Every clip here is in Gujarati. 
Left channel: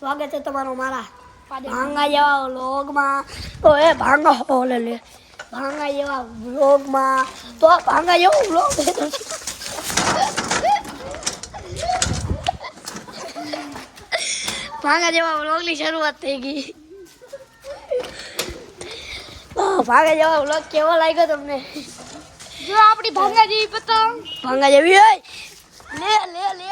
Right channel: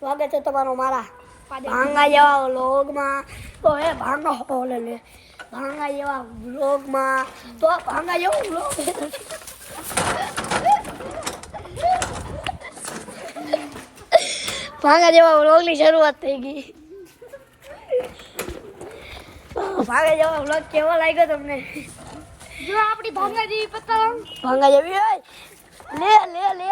સ્વાગત છે તમારું મારા ભાંગા જેવા વ્લોગમાં. તો એ ભાંગા ઓલે લે ભાંગા જેવા વ્લોગમાં. તો ભાંગા જેવો વ્લોગ ભાંગા જેવા વ્લોગની શરૂઆત થઈ ગઈ. ભાંગા જેવા વ્લોગ કેવો લાગ્યો તમને? જો આપણી ભાંગા જેવી પતંગ ભાંગા જેવી હોય લે લે લે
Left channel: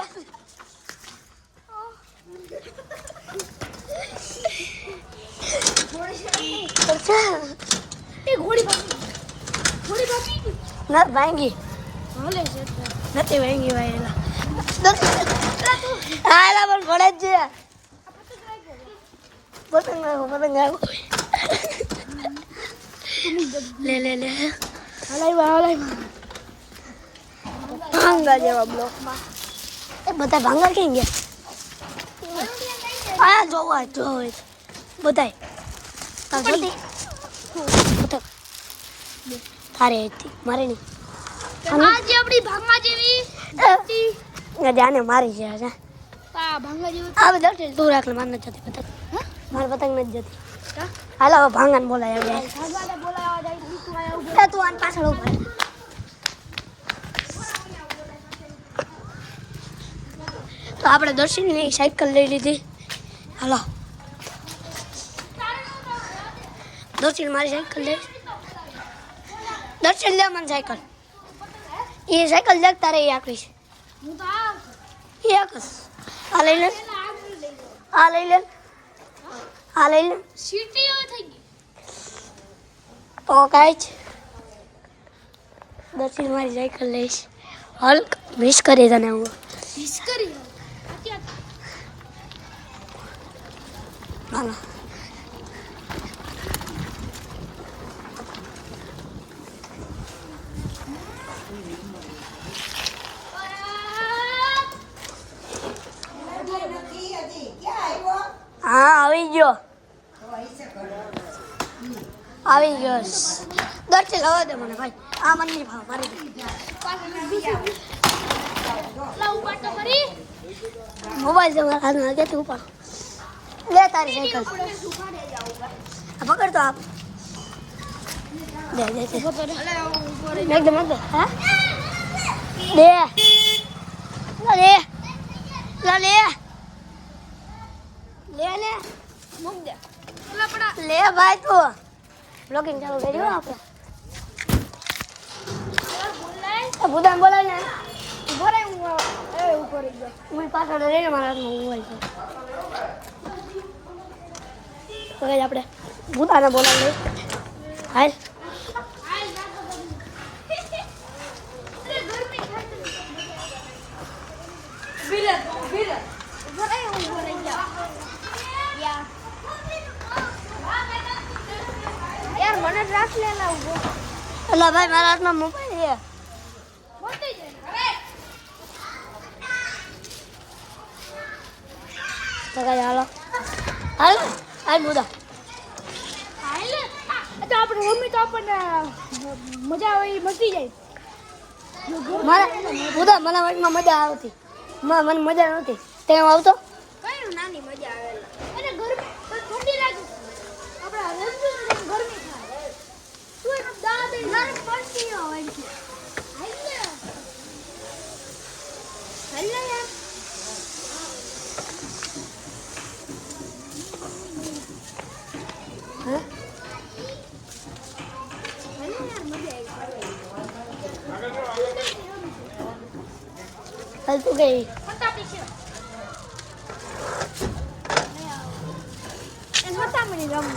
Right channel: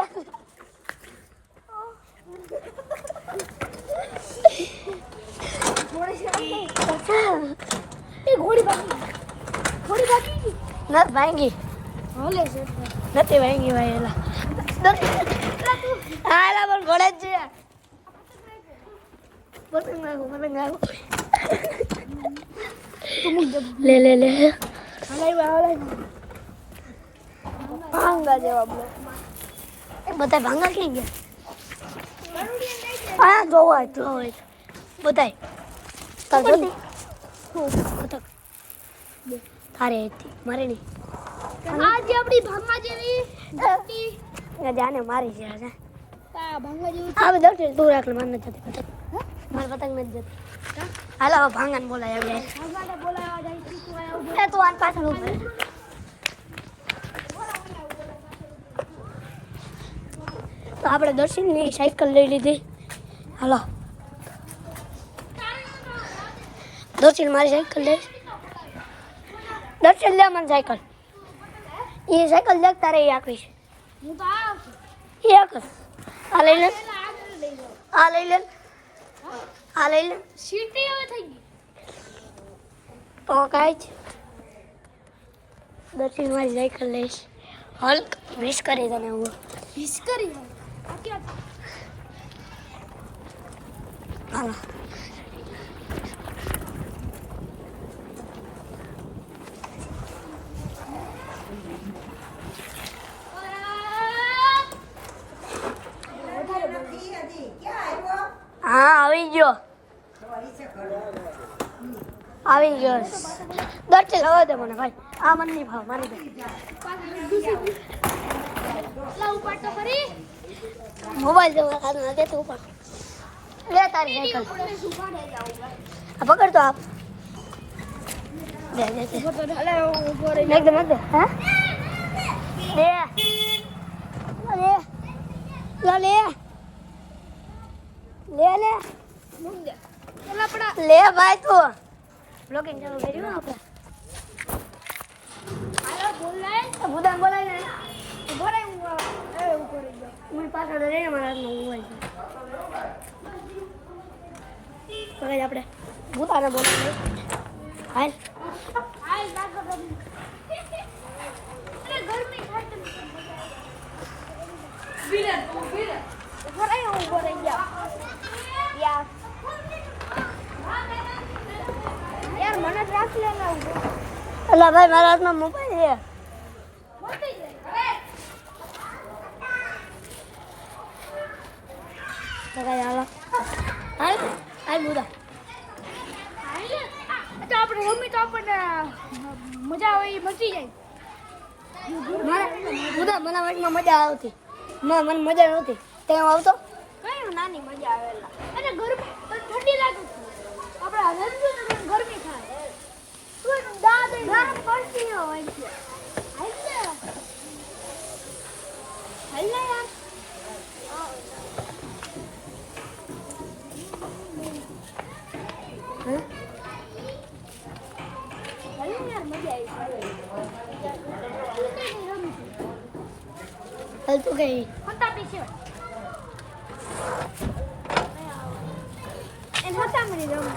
ના ભાંગી હાલે છે નથી ભાંગી ભાઈ એલા હા એલા પણ ભણે જ છે. પતંગ આવ્યો લે લે લે ભાંગા જેવા બ્લોકમાં બધા ભાંગા ક્યાં ગયા? હા જોવા જોવે બધાય તાર જોતી પતંગ તારે હતી મારે નહીં. આજે આપણી ભાંગા જેવી હતી જાને મારી છે આ ભાંગા જેવી આ બધા તું રાખ લે મારે નથી જતી પતંગ મારી પતંગ નથી જતી. હાલો હવે ભાંગાને બોલાય જાય ભાંગાને બોલાવા જાય તું આન પાછળ ઉભા રહે. તો આપણે દર્શનની સાયકલ લઈ લીધી. હાલો દર્શન મારી સાયકલ લે દર્શન લે મને સાયકલ એ સાયકલ દેખ તારે એ આકરી છે હું તો આવ એ આકસ આ લઈ લે આ લઈ લે આ લઈ લે સીટી હવે થઈ ગઈ તો કાંઈ જ દર્શન મારી સાયકલ લઈશ. હલ્ક મિસ કરી તને હું મિસ કરી હાલો હા આવી ગયો આવી ગયો દર્શન હવે દે મને ભાઈ આ મને નહીં ભાવ મારી દે લા ઉપર તો કરી મોબાઈલ જો હાથમાં કે તું ઉપર લે તારી સાયકલ આ પકડ તો આપ દે દે દે મેક દે હા દે લે લા લે લે લે મુક દે પેલા આપડા લે ભાઈ તું બ્લોગિંગ ચાલુ કરી દો આપણે હાલો બોલાય બુદાન બોલાય ને ઉપર એ ઉપર ગયો હું પાછળ રહીને મારા હાથમાં મોબાઈલ છે તો કઈ આપણે બુદાને બોલાવીએ હાલ આઈ જાતો અરે ગરમી થાય બિલે ઉપર એ ઉપર ગયા યાર મને ટ્રાસ લેલા ઉભો અલા ભાઈ મારા હાથમાં મોબાઈલ છે મોટી છે તો કઈ હાલો હાલ હાલ બુદા હાલે તો આપણે મમ્મી તો આપણને મજા આવે એ મચી જાય મારા બુદા મને વાતમાં મજા આવતી મને મજા નહોતી તેમ આવતો કઈ નાની મજા આવેલા અને ગરમી ઠંડી લાગે આપણે હલન ગરમી થાય તું એનો દાદ ના પડતી હોય છે હાલે યાર હા હાલે યાર મજા આવી હાલ તું ગઈ ફટાફટ છે એન ફટાફટ રમ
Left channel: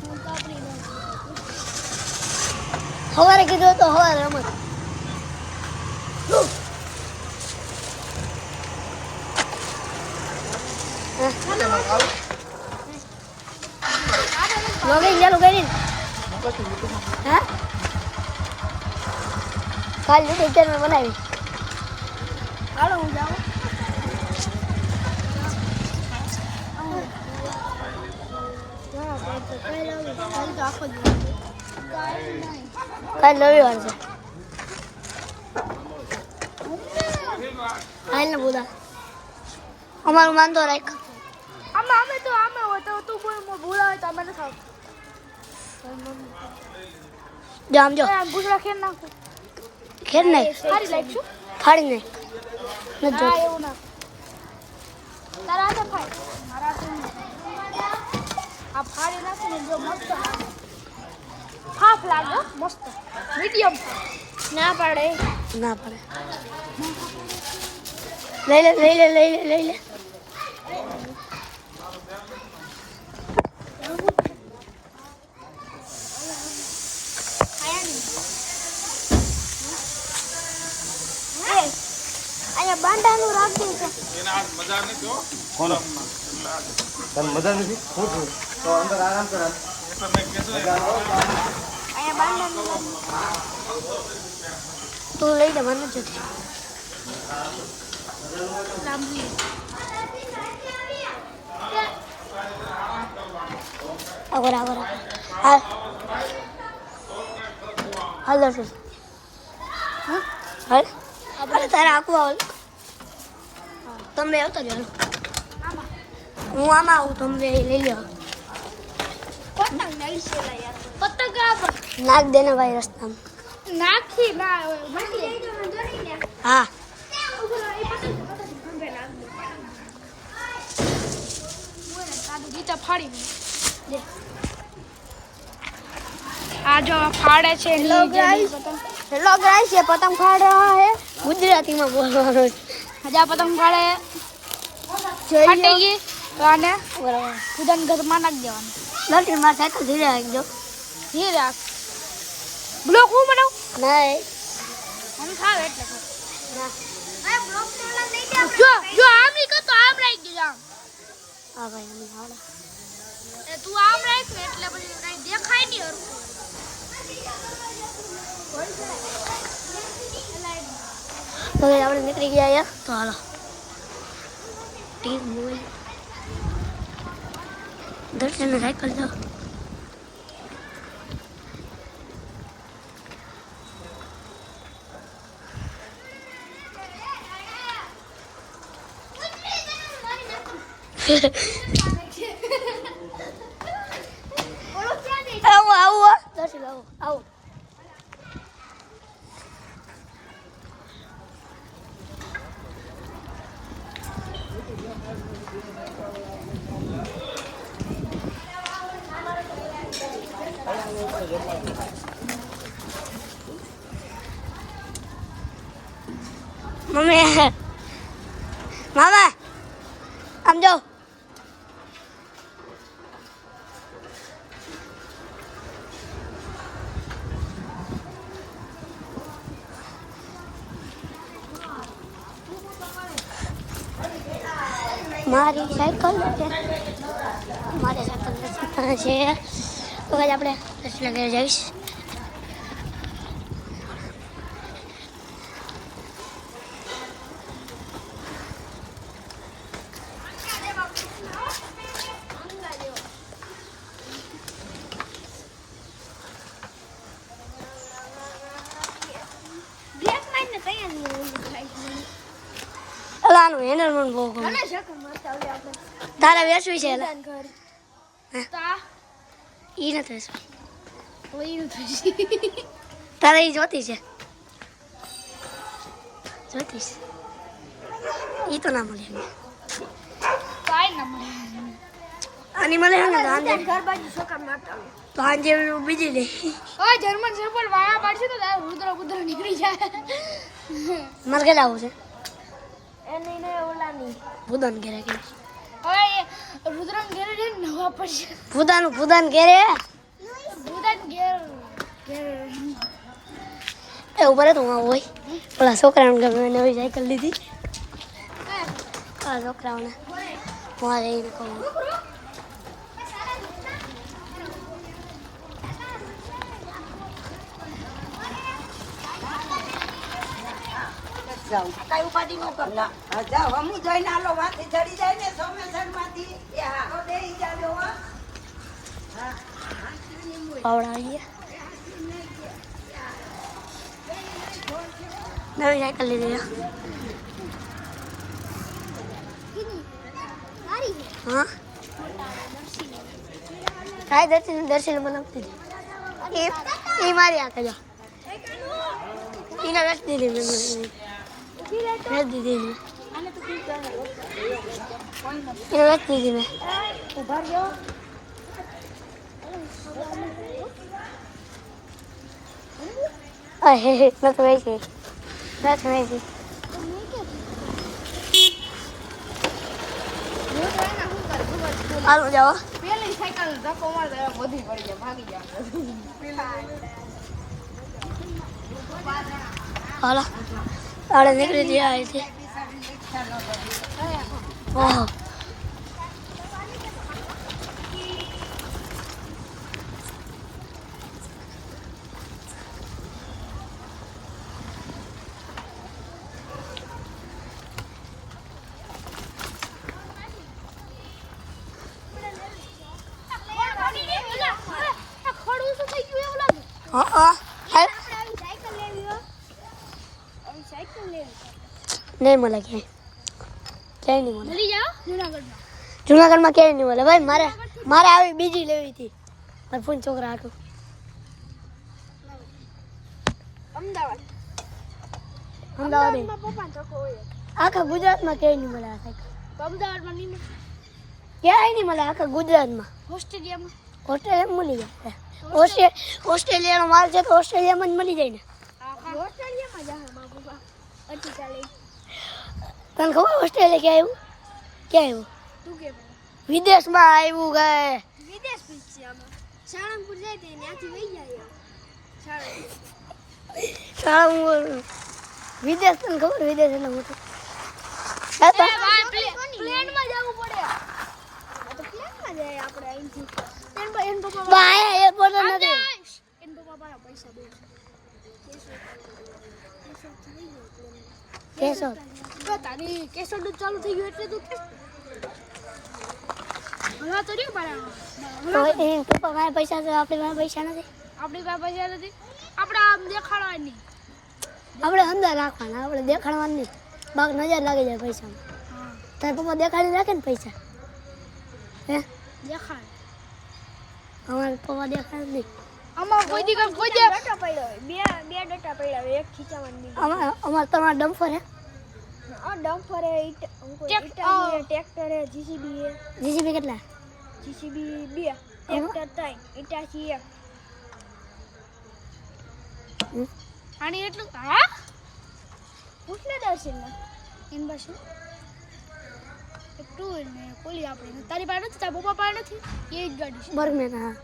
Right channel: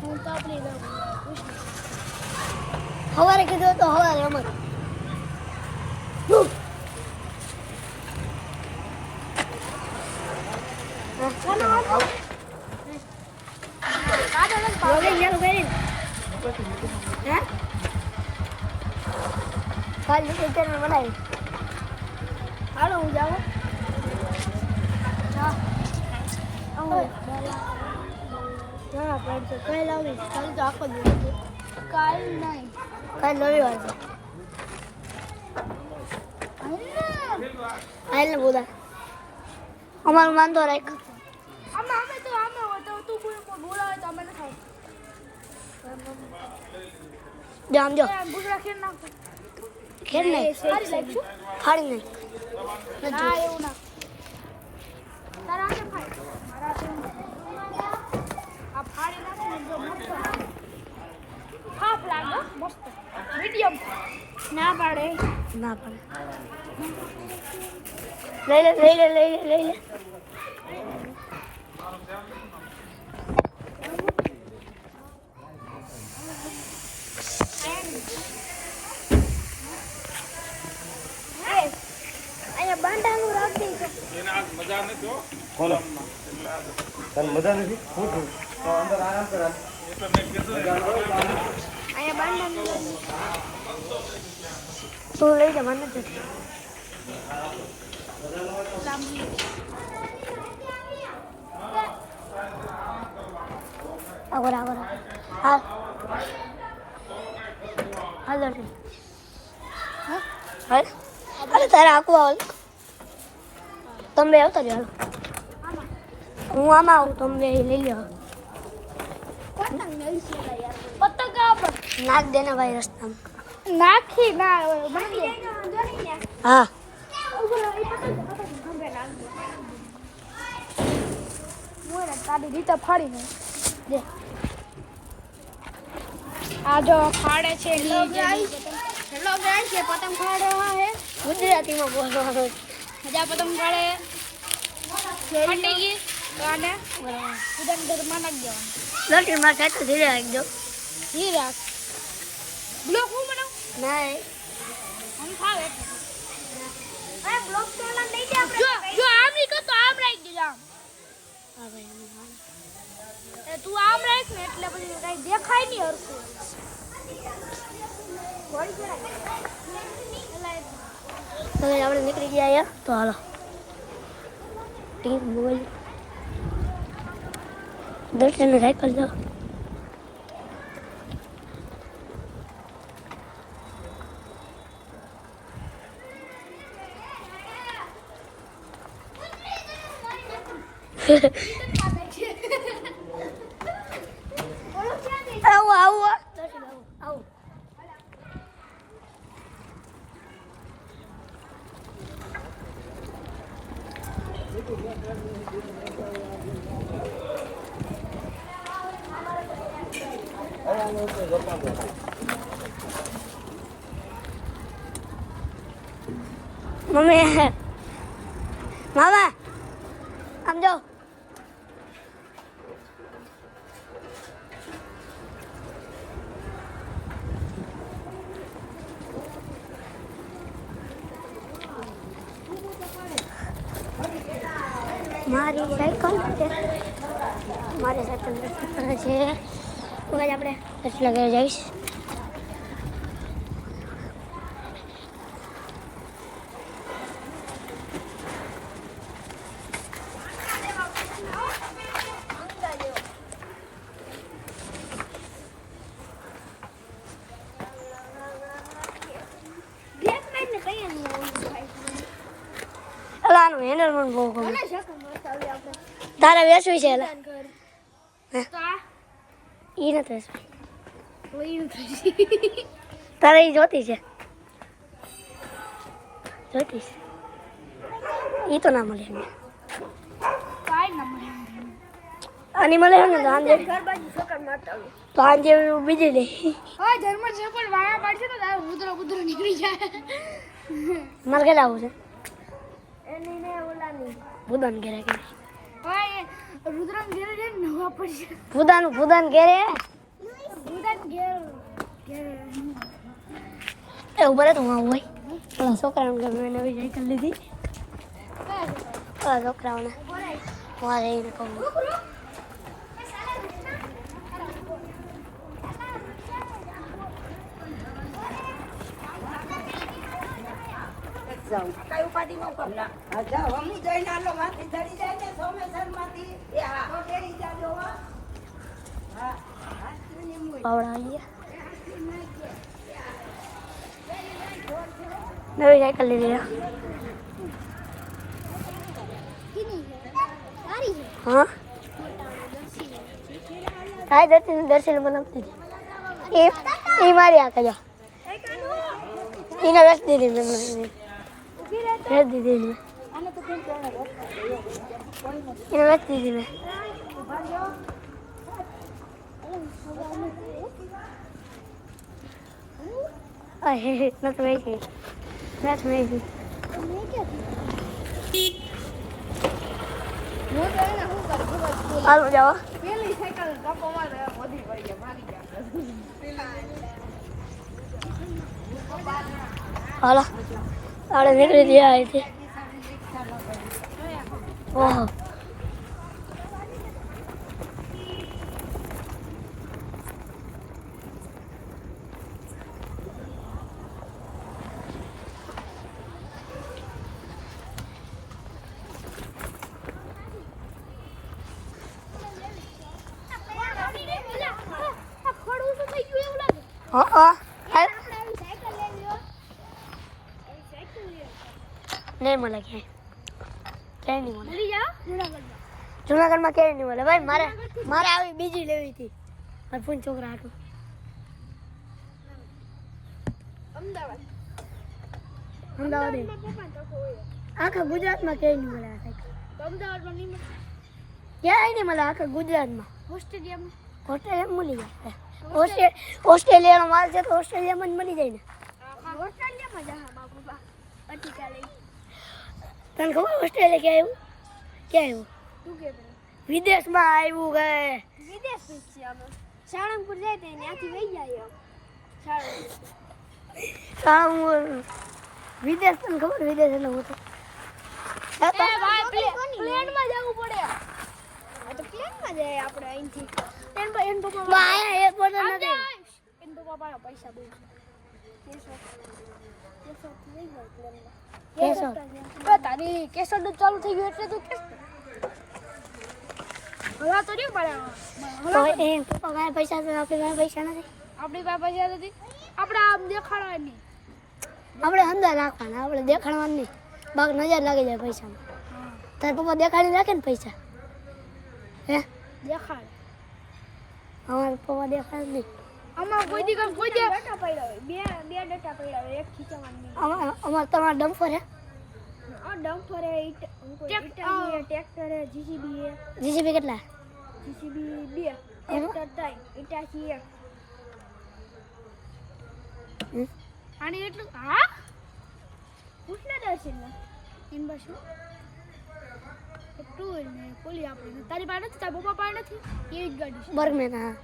હું તો આપણી રમ સવારે કીધું તો સવારે રમત બ્લોગિંગ ચાલુ કરી હા કાલ યુટ્યુબ ચેનલ બનાવી હાલો હું જાઉં કાલ રવિવાર છે હાલ ને બોલા અમારું માનતો રાખ આમાં અમે તો આમાં હોય તો તું બોલાવે તો અમે ખાવ જો આમ જો ગુજરા ખેર નાખ ખેર નહીં સારી લાગશું ફાડી નહીં નથી હા જોતું. એવું ના તારા હાથે ફાડ મારા હાથે નહીં. આ ફાડી નાખીને જો મસ્ત હાફ લાગે મસ્ત મીડિયમ ના પાડે ના પડે લઈ લે લઈ લે લઈ લે લઈ લે અહીંયા બાંધાનું રાખી છે બોલો તને મજા નથી હું છું તો અંદર આરામ કરો અહીંયા બાંધાનું રાખી તું લઈ લે મને જોતી આગળ આગળ હાલ હાલ દર્શન હાલ અરે તારે આખું આવ તમે આવતા જ હાલો આમાં હું આમાં આવું તમે લઈ લો પતંગ નહીં છે લા યાર પતંગ આપો નાખ દેને ભાઈ રસ્તામાં નાખી ના બની જાય તો જડી ને હા ઉપર એ પતંગ ગંભે નાખ મોરે તારી રીતે ફાડી મે દે આ જો ફાડે છે નીચે પતંગ હેલો ગાઈસ ये पतंग फाड़ रहा है ગુજરાતીમાં બોલવાનું हजा पतंग फाड़े ફાટેગી તો આને ઉદન ઘરમાં નાખ દેવાનું લટી માર સાયકલ ધીરે એકદમ ધીરે રાખ બ્લોક હું બનાવ નહીં આમ થાવ એટલે એ બ્લોક તો ઓલા લઈ દે આપણે જો આમ નહીં કર તો આમ રાખ દેજો આમ હા ભાઈ અમે હાડા એ તું આમ રાખ ને એટલે પછી કઈ દેખાય નહીં હરખું તો આપણે નીકળી ગયા અહીંયા તો હાલો ટીમ મોબાઈલ દર્શન સાયકલ જાઓ આવો આવો દર્શન આવો આવો મમ્મી મામા આમ જાઓ મારી સાયકલ છે મારી સાયકલ છે તો આજે આપણે રસલા ઘરે જઈશ દેખ નાખ ને કઈ નહીં અલાનું હેન્ડલ મને બહુ ગમે તારે વેચવી છે એલા તા ઈ નથી વેચવી ઓયું થઈ તારે ઈ જોતી છે જોતીશ ઈ તો ના મળે ને કાઈ ન મળે આની મળે ને તો આંજે ઘર બાજુ છોકરા મારતા હોય તો આંજે બીજી લે ઓય જર્મન શેફર્ડ વાળા પાડશે તો તારે રુદ્ર નીકળી જાય મારે ઘરે આવું છે એની ને ઓલાની ભૂદાન ઘરે કે ઓય રુદ્રમ ઘેરે ને નવા પડશે ભૂદાન ઘરે રુદ્રમ ઘેર એ ઉભા રહે તો હું આવું હોય પેલા છોકરાઓને ગમે નવી સાયકલ લીધી પેલા છોકરાઓને હું આ રહીને કહું પાવડા આવી ગયા નવી સાયકલ લીધી છે. સારી છે હા હાય દર્શન બનાવતી હતી એ મારી આ કજા એને રસ દીધી મેં રસ દીધી મેં આને તો કેમ કરે એને રસ દીધી મેં હે નથી વહી નથી વહી હાલો જાઓ પેલી સાયકલ ધક્કો મારે બધી પડી ગયા ભાગી ગયા હાલો આડે નીકળી ગયા અહીંથી ઓહો હા નહીં મળે ક્યાંય નહીં મળે જુનાગઢમાં ક્યાંય નહીં મળે ભાઈ મારે આવી બીજી લેવી હતી મારા ફોન છોકરા હાટું અમદાવાદ આખા ગુજરાતમાં ક્યાંય નહીં મળે આ સાયકલ અમદાવાદમાં નહીં મળે ક્યાંય નહીં મળે આખા ગુજરાતમાં ઓસ્ટ્રેલિયામાં ઓસ્ટ્રેલિયામાં મળી જાય ઓસ્ટ્રેલિયાનો માલ છે તો ઓસ્ટ્રેલિયામાં જ મળી જાય ને ઓસ્ટ્રેલિયામાં જા બાબા અતિ ચાલે તને ખબર ઓસ્ટ્રેલિયા ક્યાં આવ્યું તું કે પેલા વિદેશમાં આવ્યું ગયે વિદેશ પૂછશે અમે સાળંગપુર જાય તો ત્યાંથી વહી જાય સાળંગપુર વિદેશ તને ખબર વિદેશ એટલે મોટો પ્લેનમાં જવું પડે તો પ્લેનમાં જાય આપણે અહીંથી એન પપ્પા એન પપ્પા મારા પૈસા બહુ કેશોદ તારી કેસર ચાલુ થઈ ગયું એટલે તું હલવા તો નહીં પડે તો એ પપ્પા મારા પૈસા છે આપણી પાસે પૈસા નથી આપણી પાસે પૈસા નથી આપણે આમ દેખાડવા નહીં આપણે અંદર રાખવાના આપણે દેખાડવાનું નહીં બાગ નજર લાગી જાય પૈસામાં હા તારા પપ્પા દેખાડી રાખે ને પૈસા હે દેખાડ અમારા પપ્પા દેખાડે નહીં આમાં કોઈ દી કોઈ ડેટા પડ્યો બે ડેટા પડ્યા એક ખીચાવાની અમારે તમારા ડમ્ફર હે આ ડમ્પર હે ટ્રેક્ટર હે જીસીબી હે જીસીબી કેટલા જીસીબી 2 ટ્રેક્ટર 3 ઇટાચી 1 આની એટલું હા પૂછને દર્શનમાં એન બાસુ એક ટુ ને પોલી આપણે તારી પાસે નથી તારા પપ્પા પાસે નથી એ જ ગાડી છે બર્ગમેન હા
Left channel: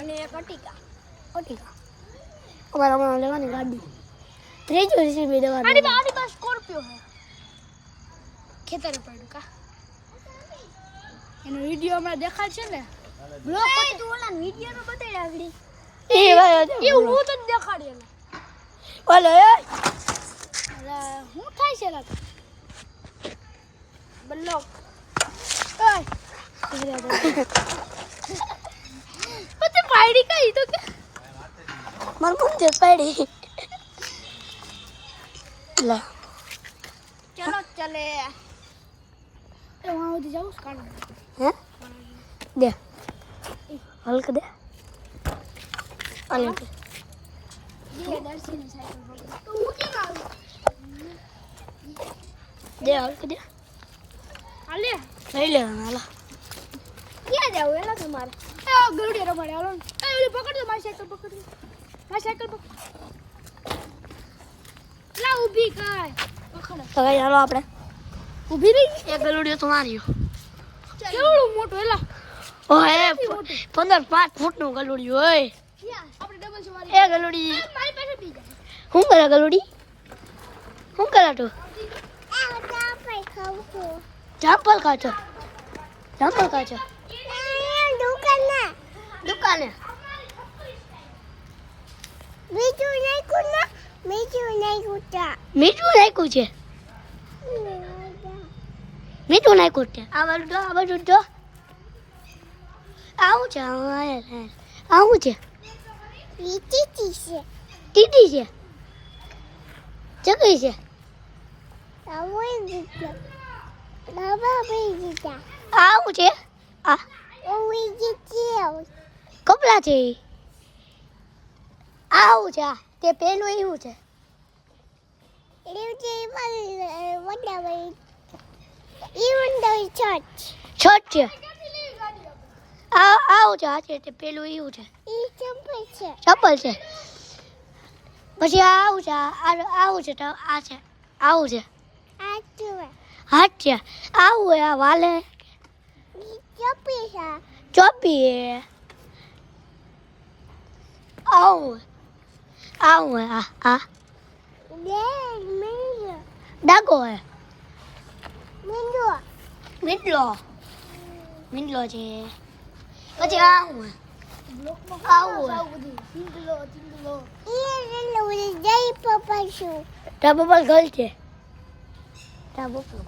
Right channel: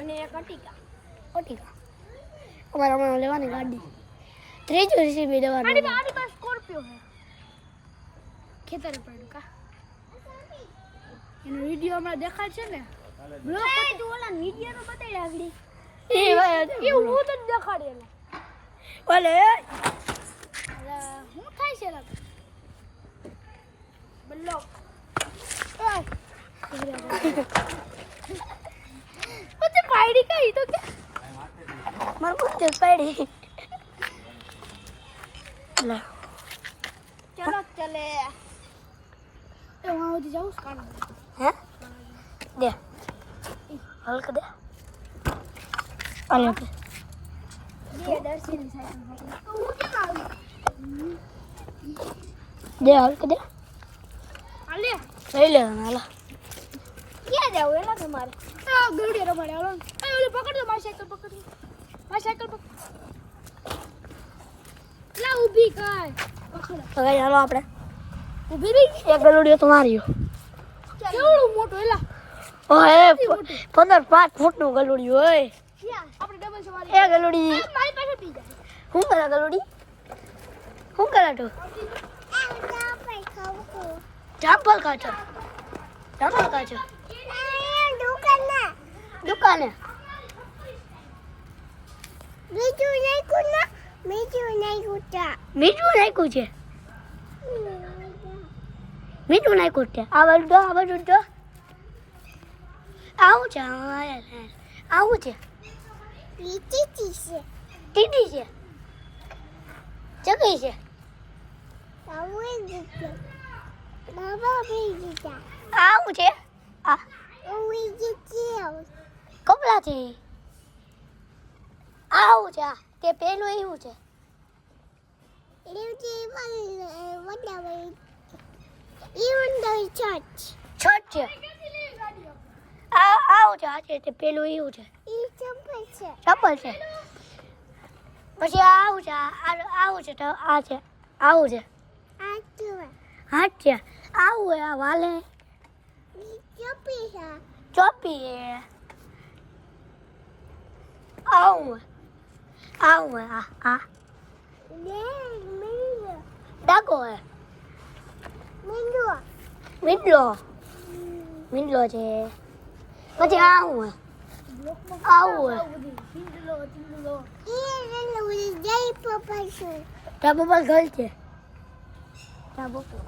અને એક અટિકા અમારે હમણાં લેવાની ગાડી ત્રીજું જીસીબી દેવાનું આની પાસે સ્કોર્પિયો હે ખેતરે પડ્યું કા એનો વિડિયો હમણાં દેખાડ છે ને બ્લોગ પછી તું ઓલા વિડિયો નો બતાડ્યા આગળી એ હું તો દેખાડી એલા ઓલે હું થાય છે લાગ બ્લોગ પછી પાડી કઈ તો કે માર મન જે પાડી લા ચલો ચલે એ હું ઉધી જાઉં કાન હે દે હલક દે આલે દે દર્શન સાહેબ તો હું કે ગાઉં દે હલક દે આલે લઈ લે હાલા ક્યાં જાવ એલા તમારે આ ગરુડે રમાડે હાલો એ ઓલી પકડ દો મારી સાયકલ પકડ મારી સાયકલ પકડ લા ઊભી કર પકડ તો કઈ હાલો આપણે ઊભી રહી એક ગલુડિયો તો માર્યો કેવડું મોટું એલા ઓય 15-5 ફૂટનું ગલુડિયું ઓય આપણે ડબલ સવારી એ ગલુડી મારી પાસે બી જાય શું કરે ગલુડી શું કરે તું ચાપલ ખાચો દુકાને મીઠું નાખ્યું છે આ બાજુ જો આવું છે આવું છે ટીટી છે ચકરી છે આવું છે આ કપડા છે આવું છે તે પેલું એવું છે છત છે આવું છે આ છે તે પેલું એવું છે ચપ્પલ છે પછી આવું છે આવું છે તો આ છે આવું છે હાથ છે આવું હે આ વાલે ચોપી હે આવું આવું હે આ ડાકો હે મીંડલો છે પછી આવું હે આવું હે ટાબોબલ ગલ છે ટાબોબલ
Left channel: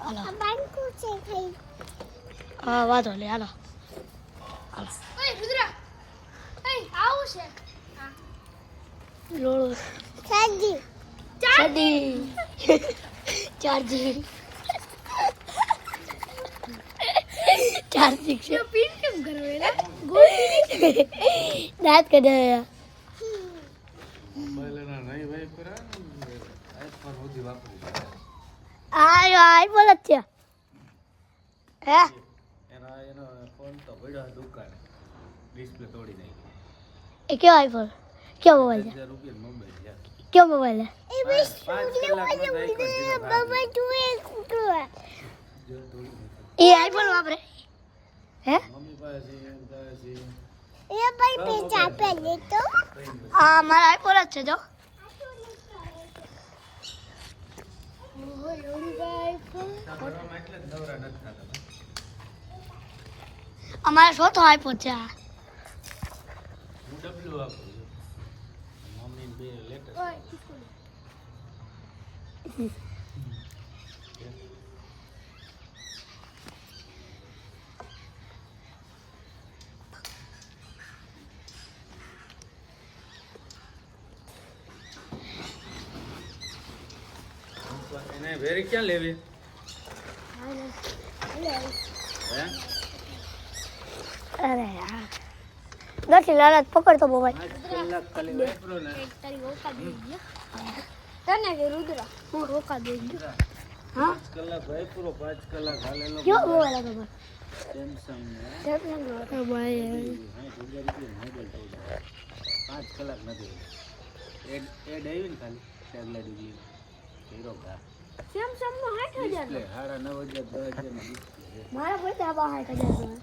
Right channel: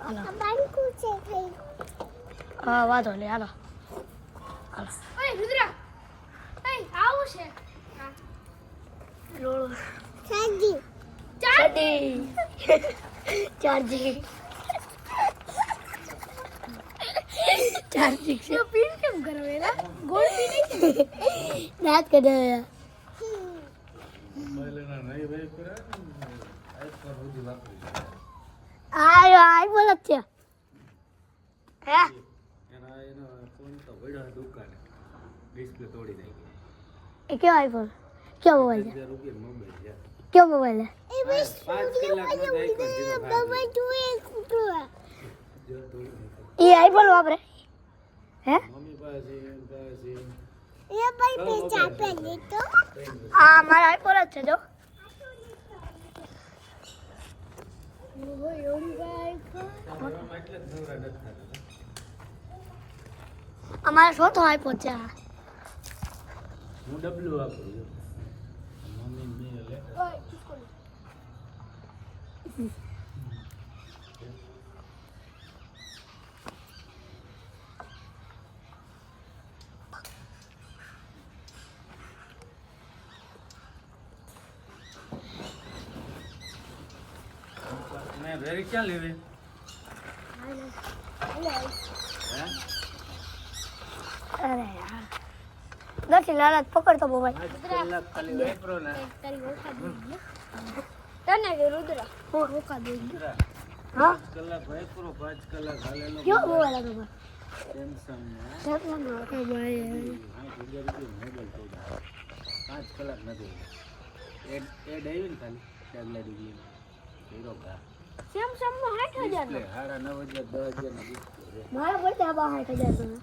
હાલો હા વાંધો નહીં હાલો ઓય રુદ્રા ઓય આવું છે લોળો ચાર્જી છે પીન કેમ કરવેલા ગોળ દાંત કઢે આઈ બોલ છે હે એનો ફોન તો પડ્યો દુકાને ડિસ્પ્લે તોડી નાખી એ કયો આઈફોન કયો મોબાઈલ છે 1000 રૂપિયા મોબાઈલ છે કયો મોબાઈલ છે 5 કલાકનો તો આઈફોન જો તોડી નાખ્યો એ આઈફોન વાપરે હે મમ્મી પાસે આ મારા આઈફોન જ છે જો એટલે જ નવરા નથી થતા અમારા ચોથો આઈફોન છે આ. હું ડબલ્યુ વાપરું છું મમ્મી બે લેટર એને વેરી ક્યાં લેવી અરે યાર નથી લાલચ પકડતો મોબાઈલ 5 કલાક ખાલી વાપરો ને તારી ઓકા દે તને કે રુદ્ર હું ઓકા દે હા 5 કલાક વાપરો 5 કલાક હાલેલો કયો મોબાઈલ હતો ભાઈ સેમસંગ ને મોબાઈલ 5 કલાક નથી એડ આવી ને ખાલી ચાગલા ડિગ્રી હીરો કા સેમસંગ નો 60000 ડિસ્પ્લે 9,500 10,000 નો ડિસ્પ્લે મારા બધા 6000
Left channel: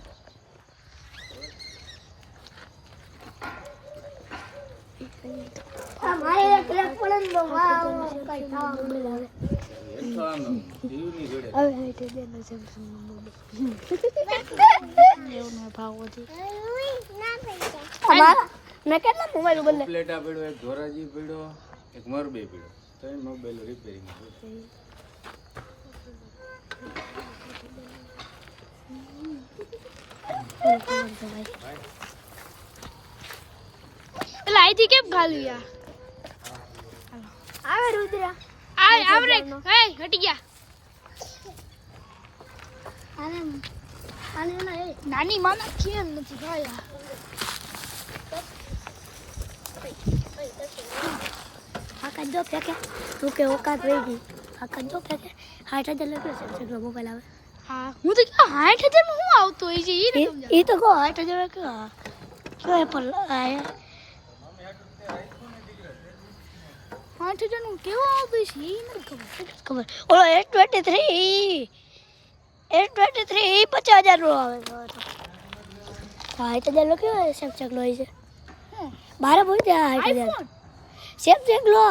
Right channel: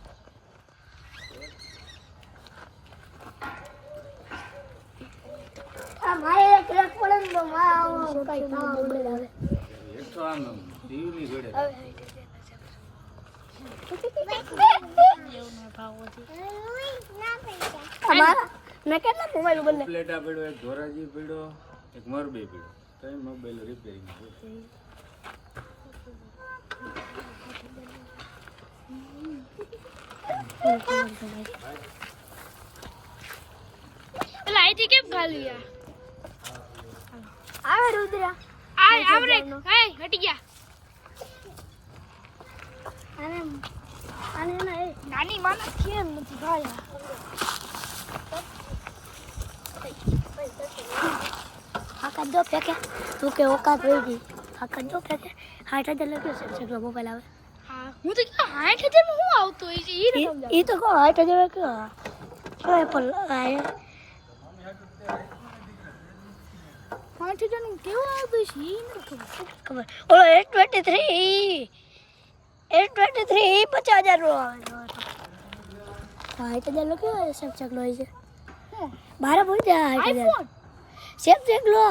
આ મારે એક લાખ પડે ને તો મોબાઈલ આવે એ તો આમ ટીવી ની જોડે અમારા મેં કેટલા મોબાઈલ બદલે પ્લેટા પડ્યો એક ધોરાજી પડ્યો એક મોરબી પડ્યો ત્રણ મોબાઈલ રિપેરિંગ એટલે આઈથી કેમ ગાલી આ આવે રુદ્રા આવરે હે હટી ગયા આને આને ના એ નાની માના કેમ નથી ભાઈ આકા દો ફેકે તું કે ઓકાત રહી ગઈ આકા દો ફેકે 6000 લખ્યો છે સગલો મોબાઈલ આવે હા હું તો કે 60000 માં હું આવતો હોય છે ઈ રકમ એ તો કહો 6000 લખ્યો એપલ આય 60000 નું કેવું આવતું છે ઈ નથી ખબર ખબર ઓલો S23 50,000 નો આવે 6000 લખ્યો સેમસંગ નો છે હું બારે બોલ દે 60,000 આઈફોન સેમસંગ લો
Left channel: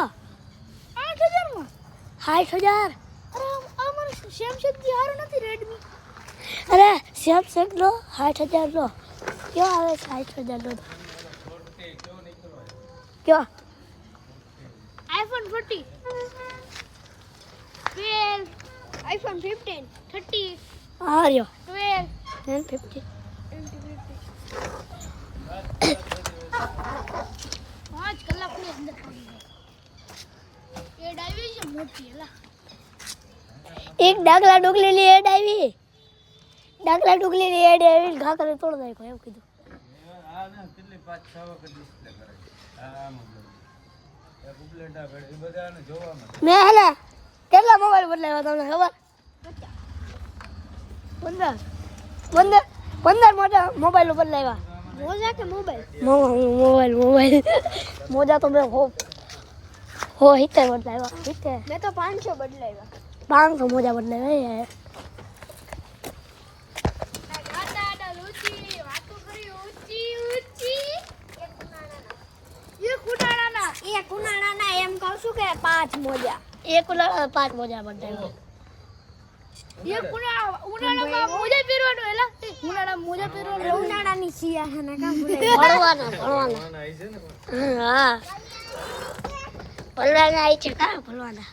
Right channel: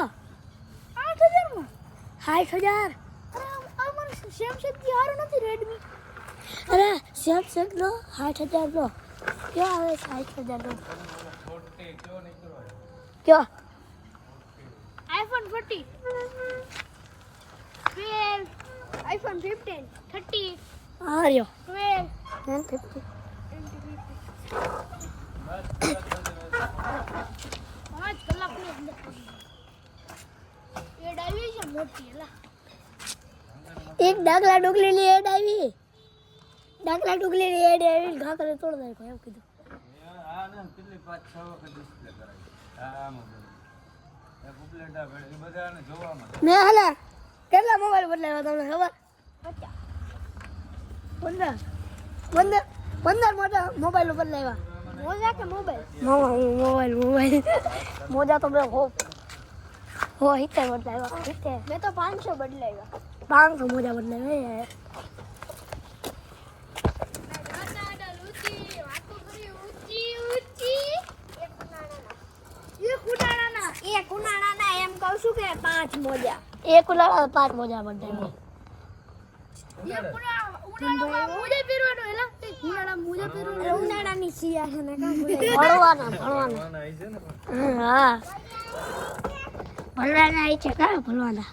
8000 માં 60,000 અરે આ મને સેમસંગ થી હારું નથી રેડમી અરે સેમસંગ લો 60,000 લો ક્યો આવે 60,000 નો ક્યો આઈફોન 40 12 આઈફોન 15 30 આ રહ્યો 12 50 5 કલાકની અંદર એ ડાઈવી છે મોટી એલા એક ડાગલા ડોગલી ની એડ આવી ડાકલા ડુગલી ની એડે આવી ઘા કરે તોડ નાખ્યો એવું કીધું મેં હાલા કેટલા મોબાઈલ બદલાવ્યા તમને ખબર 15 મોટા મોબાઈલ બદલાવ્યા મોજા કે મોબાઈલ મોબાઈલ મોજા તો મેં હો હિતે બદલાવ્યા મેં તો 500 બદલાવ્યા 500 મોજા બદલાવ્યા એક ઉનાળાના એમ કહું છું કે 5 મોજા એક ઉનાળા 5 મોજા બદલાવ્યા ઉનાળામાં મોજા પહેરવાનો એલા મોજા પહેરવાનો ઉનાળાની સિયાહાના કામ ભણવાના હા ભણવાના આવી છે કા ભણવાના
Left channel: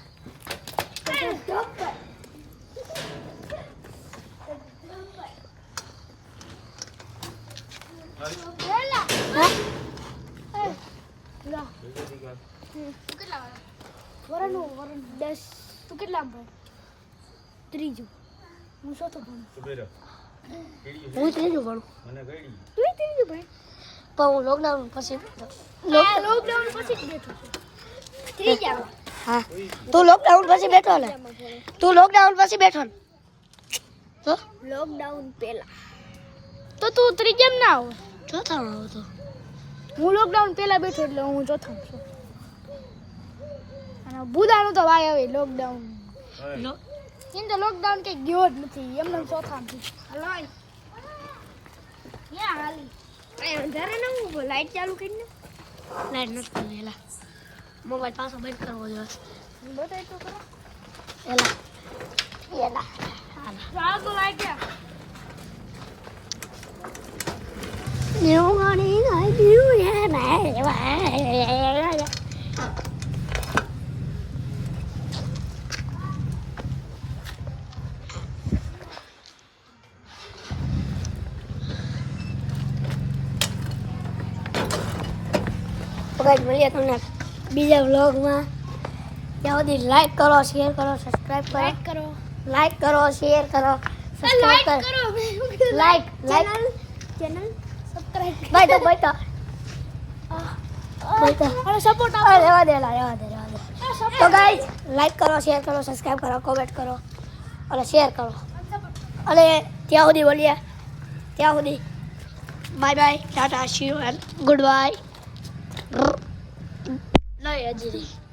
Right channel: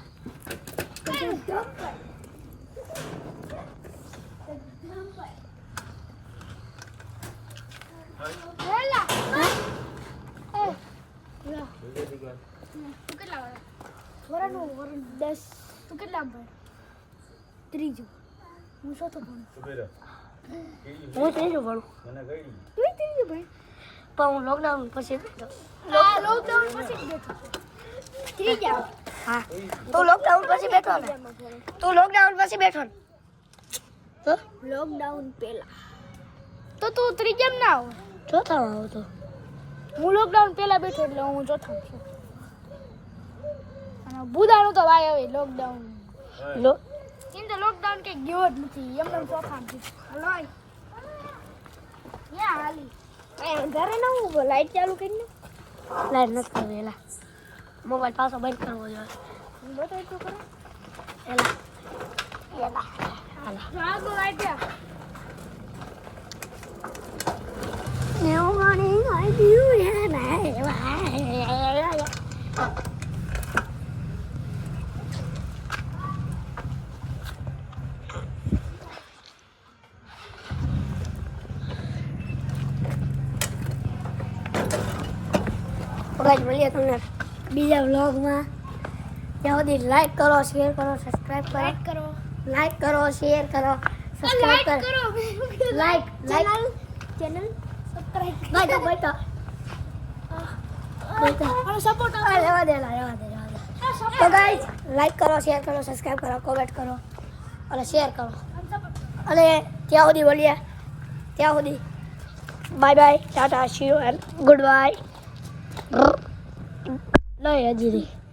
તું કેટલા ભણ ત્રીજું હું ચોથો ભણું હું ત્રીજું ભણું તું ત્રીજું ભણ પણ હું લોકડાઉન પછી લોકડાઉન પછી જ બેઠો છું ત્રીજા હા તું લોકડાઉન પછી બેઠો ને તો લોકડાઉન પહેલા તો તું ત્રીજામ ના આવ ચોથા આવો તો હું લોકડાઉન પહેલા બેઠો એટલે હું ચોથો છું અને બુધાનો તો વાય આવે લોકડાઉન એમ તો લોકડાઉન કે ગયો જ નથી એમને ચોથા હલો યા હાલી અંધારે ના હું લાઈટ ચાલુ કરીને લાઈટ નથી કરવી એલા મોબાઈલ પાછો બંધ કરવો જોઈએ બતાવી તો ખરા હાલા તો લાઈટ જા મળીએ તમને બીજા વ્લોગમાં ત્યાં સુધી લાઈક કરો શેર કરો સબસ્ક્રાઇબ કરો લાઈક કરો શેર કરો સબસ્ક્રાઇબ કરો લાઈક ચેનલ સબસ્ક્રાઇબ બાય તો અને સપોર્ટ રહેવા દે તો ગાઈસ લાઈક કરો શેર કરો સબસ્ક્રાઇબ કરો કોમેન્ટ કરો અને શેર કરો અને ત્યાં સુધી બોલીએ ત્યાં સુધી bye bye Tata C you and good bye નહીં હજી